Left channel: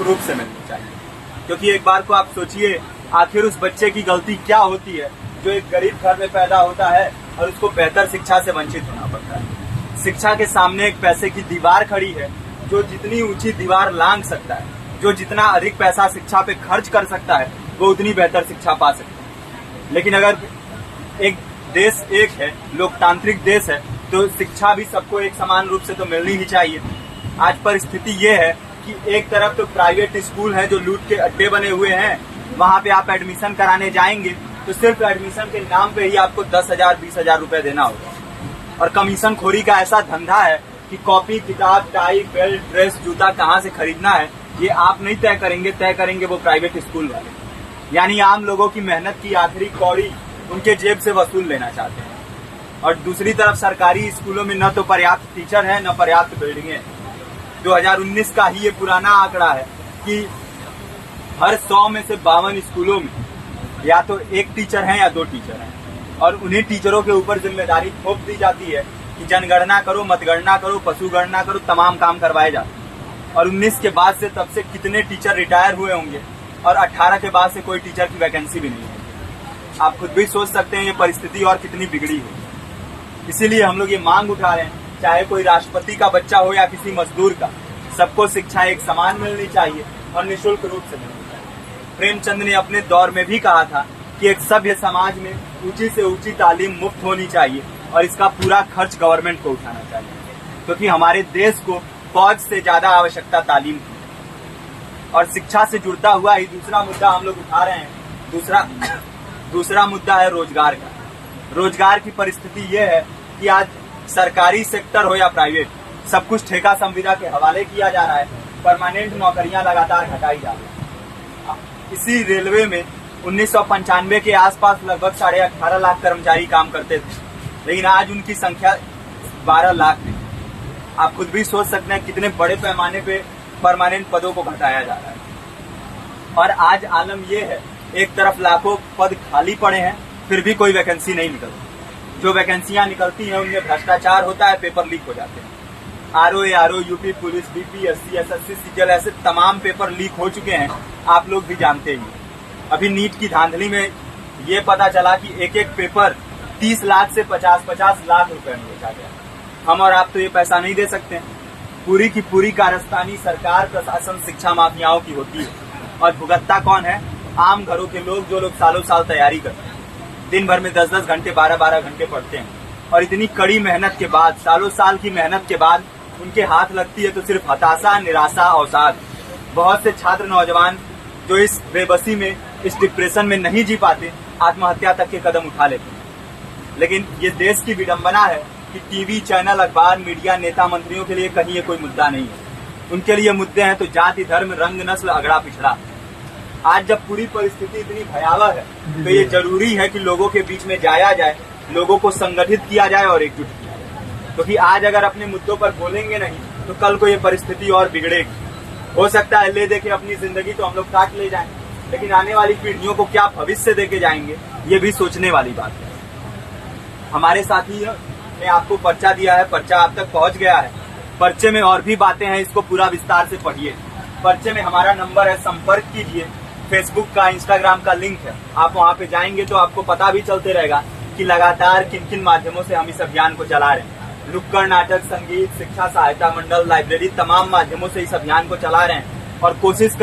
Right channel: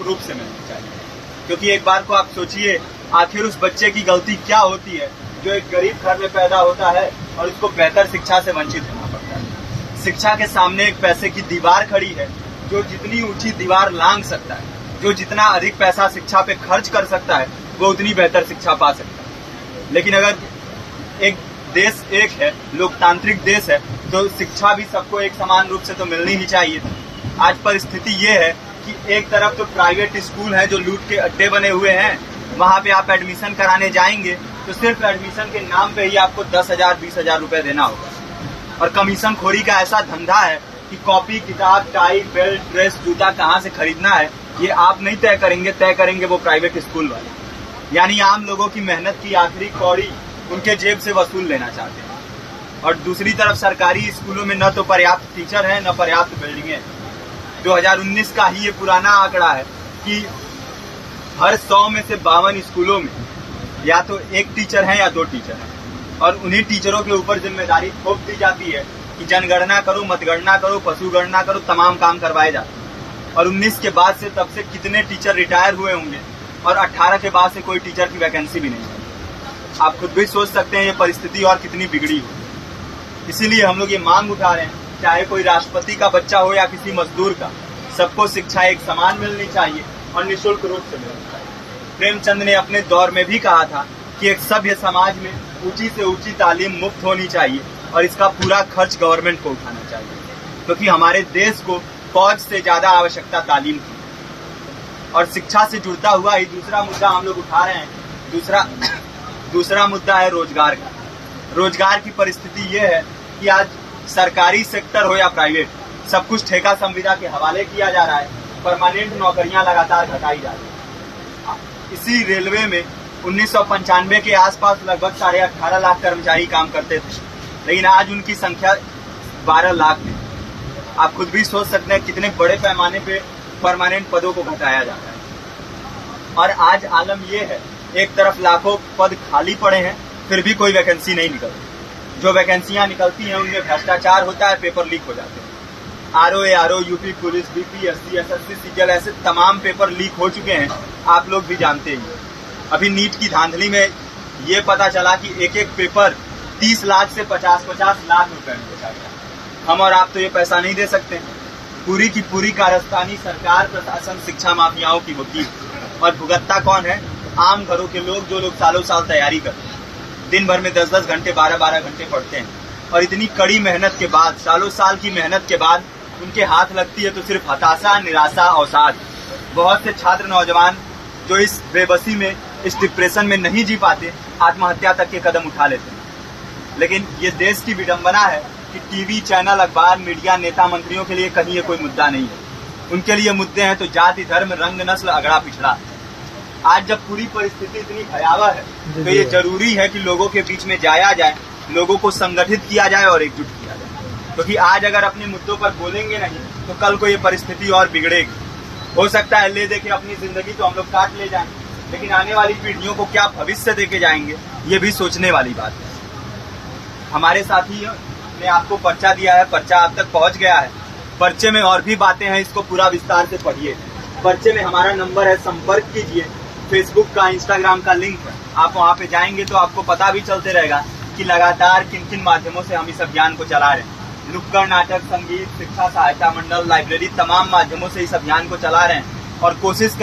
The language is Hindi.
निःशुल्क रूप से मिलनी चाहिए। क्योंकि एक बार को आप सोचिए, आखिर उस बच्चे की गलती क्या होती है जो एक गरीब घर में पैदा होता है और उसको बेहतर शिक्षा से वंचित होना पड़ता है। शिक्षा के सामने एक पैसे की दीवार खड़ी है, जो जितनी ऊंची दीवार लांघ सकता है, जो जितना अधिक पैसा शिक्षा पे खर्च कर सकता है, वो उतनी बेहतर शिक्षा पा सकता है। लेकिन अगर एक देश एक है, लोकतांत्रिक देश है, तो शिक्षा भी सबको एक समान रूप से तो मिलनी ही चाहिए। आज परिस्थिति ये है कि एक तरफ तो प्राइवेट स्कूल हैं जो लूट के अड्डे बने हुए हैं, वहां पे आप एडमिशन कराने जाएंगे तो सिर्फ एडमिशन के नाम पे ही आपको 10,000 20,000 रुपए देना होगा। और कमीशन खोरी का ऐसा धंधा है कि कॉपी, किताब, टाई, बेल्ट, ड्रेस, जूता कहाँ से खरीदना है ये आप नहीं तय करेंगे वो प्राइवेट स्कूल वाले। यानी आम लोगों की मेहनत की आखिरी कौड़ी उनके जेब से वसूल लेना चाहते हैं। और दूसरी तरफ सरकारी स्कूलों में न तो पर्याप्त टीचर है, न पर्याप्त बिल्डिंगें हैं। 2019 का ही ये पुराना आंकड़ा है कि हर 100 में से 52 स्कूलों में या तो एक टीचर है या 2 टीचर हैं। और उन्हीं टीचरों के ऊपर जिम्मेदारी थोप दी जाती है कि जनगणना करो, मतगणना करो, पशुगणना करो, तमाम काम करवाए जाते हैं। और 19 के बाद से तब से कितने टीचर रिटायर हुए होंगे और 18 के बाद से कोई टीचर की वैकेंसी भी नहीं है। आप खुद भी सोच सकते हैं ये परिस्थिति और कितनी बिगड़ी हो। इसीलिए हम लोग ये मांग उठा रहे हैं, चाहे कोई राष्ट्रपति का बच्चा हो या किसी मजदूर का, सबको शिक्षा एक समान मिलनी चाहिए और निःशुल्क रूप से मिलनी चाहिए। प्रेमचंद ने अपने दौर में भी कहा था कि एक सभ्य समाज में ऊंची से ऊंची तालीम मुफ्त होनी चाहिए और इसका पूरा खर्च गवर्नमेंट को उठाना चाहिए, क्योंकि हमारे देश को फौज से ज्यादा आवश्यकता तालीम की है। और शिक्षा से जुड़ता हुआ ही दूसरा मुद्दा हम लोग उठा रहे हैं। दूसरा मुद्दा है रोजगार का। रोजगार की परिस्थिति ये है कि आज सरकारी सेक्टर हो या प्राइवेट, सब कुछ ठेका संविदा के हवाले किया जा रहा है। परमानेंट नौकरियां लगातार घटाई जा रही है। इसी रेलवे में 1995 के आसपास लगभग 18.5 लाख कर्मचारी काम करते थे, लेकिन आज उनकी संख्या 12 लाख थी। आप खुद भी सोच सकते हैं कितने बड़े पैमाने पे परमानेंट पदों को घटाया जा रहा है। और आज आलम ये है, एक तरफ लाखों पद खाली पड़े हैं, फिर भी कोई वैकेंसी नहीं निकलती। जो वैकेंसियां निकलती हैं उनमें भ्रष्टाचार होता है, पेपर लीक हो जाते हैं। RO, UP police, BPSC, SSC, CGL, ऐसे तमाम पेपर लीक हो चुके हैं, आप लोग भी जानते ही हैं। अभी नीट की धांधली में ये पता चला कि एक एक पेपर 30 लाख से 50-50 लाख रुपए में बेचा गया। हम और आप तो ये पैसा नहीं दे सकते। पूरी की पूरी कारस्तानी सरकार, प्रशासन, शिक्षा माफियाओं की होती है। और भुगतता कौन है? आम घरों के लोग, जो लोग सालों साल तैयारी करते हैं, दिन भर में 10-10 घंटे, 12-12 घंटे पढ़ते हैं। और इतनी कड़ी मेहनत के बाद, सालों साल की मेहनत के बाद उनके हाथ लगती है तो सिर्फ हताशा, निराशा, अवसाद। बहुत से छात्र नौजवान जो इस बेबसी में, इस डिप्रेशन में नहीं जी पाते, आत्महत्या तक के कदम उठा लेते हैं। लेकिन ये देश की विडंबना है कि टीवी चैनल, अखबार, मीडिया, नेता, मंत्रियों के लिए कहीं ये कोई मुद्दा नहीं है। उनके लिए मुद्दे हैं तो जाति, धर्म, रंग, नस्ल, अगड़ा पिछड़ा। आज जब पूरी परिस्थिति इतनी भयावह है तो ये जरूरी है कि लोगों के बीच में जाया जाए, लोगों को संगठित किया जाए और एकजुट किया जाए। क्योंकि आज अगर अपने मुद्दों पर बोलेंगे नहीं तो कल को ये परिस्थिति और बिगड़ेगी। हो सकता है ले दे के अपनी जिंदगी तो हम लोग काट ले जाएं, लेकिन आने वाली पीढ़ियों को क्या भविष्य देके जाएंगे, ये भी सोचने वाली बात है। हमारे साथी ने आपको पर्चा दिया है, पर्चा आप तक पहुंच गया है। पर्चे में और भी बातें हैं, इसको पूरा विस्तार से पढ़िए। पर्चे में हमारा नंबर है, संपर्क कीजिए। फेसबुक का, इंस्टाग्राम का लिंक है, आप वहां पे जाएंगे तो आपको पता भी चलते रहेगा कि लगातार किन किन माध्यमों से हम इस अभियान को चला रहे हैं। नुक्कड़ नाटक, संगीत, शिक्षा सहायता मंडल, लाइब्रेरी, तमाम माध्यमों से इस अभियान को चला रहे हैं और कोशिश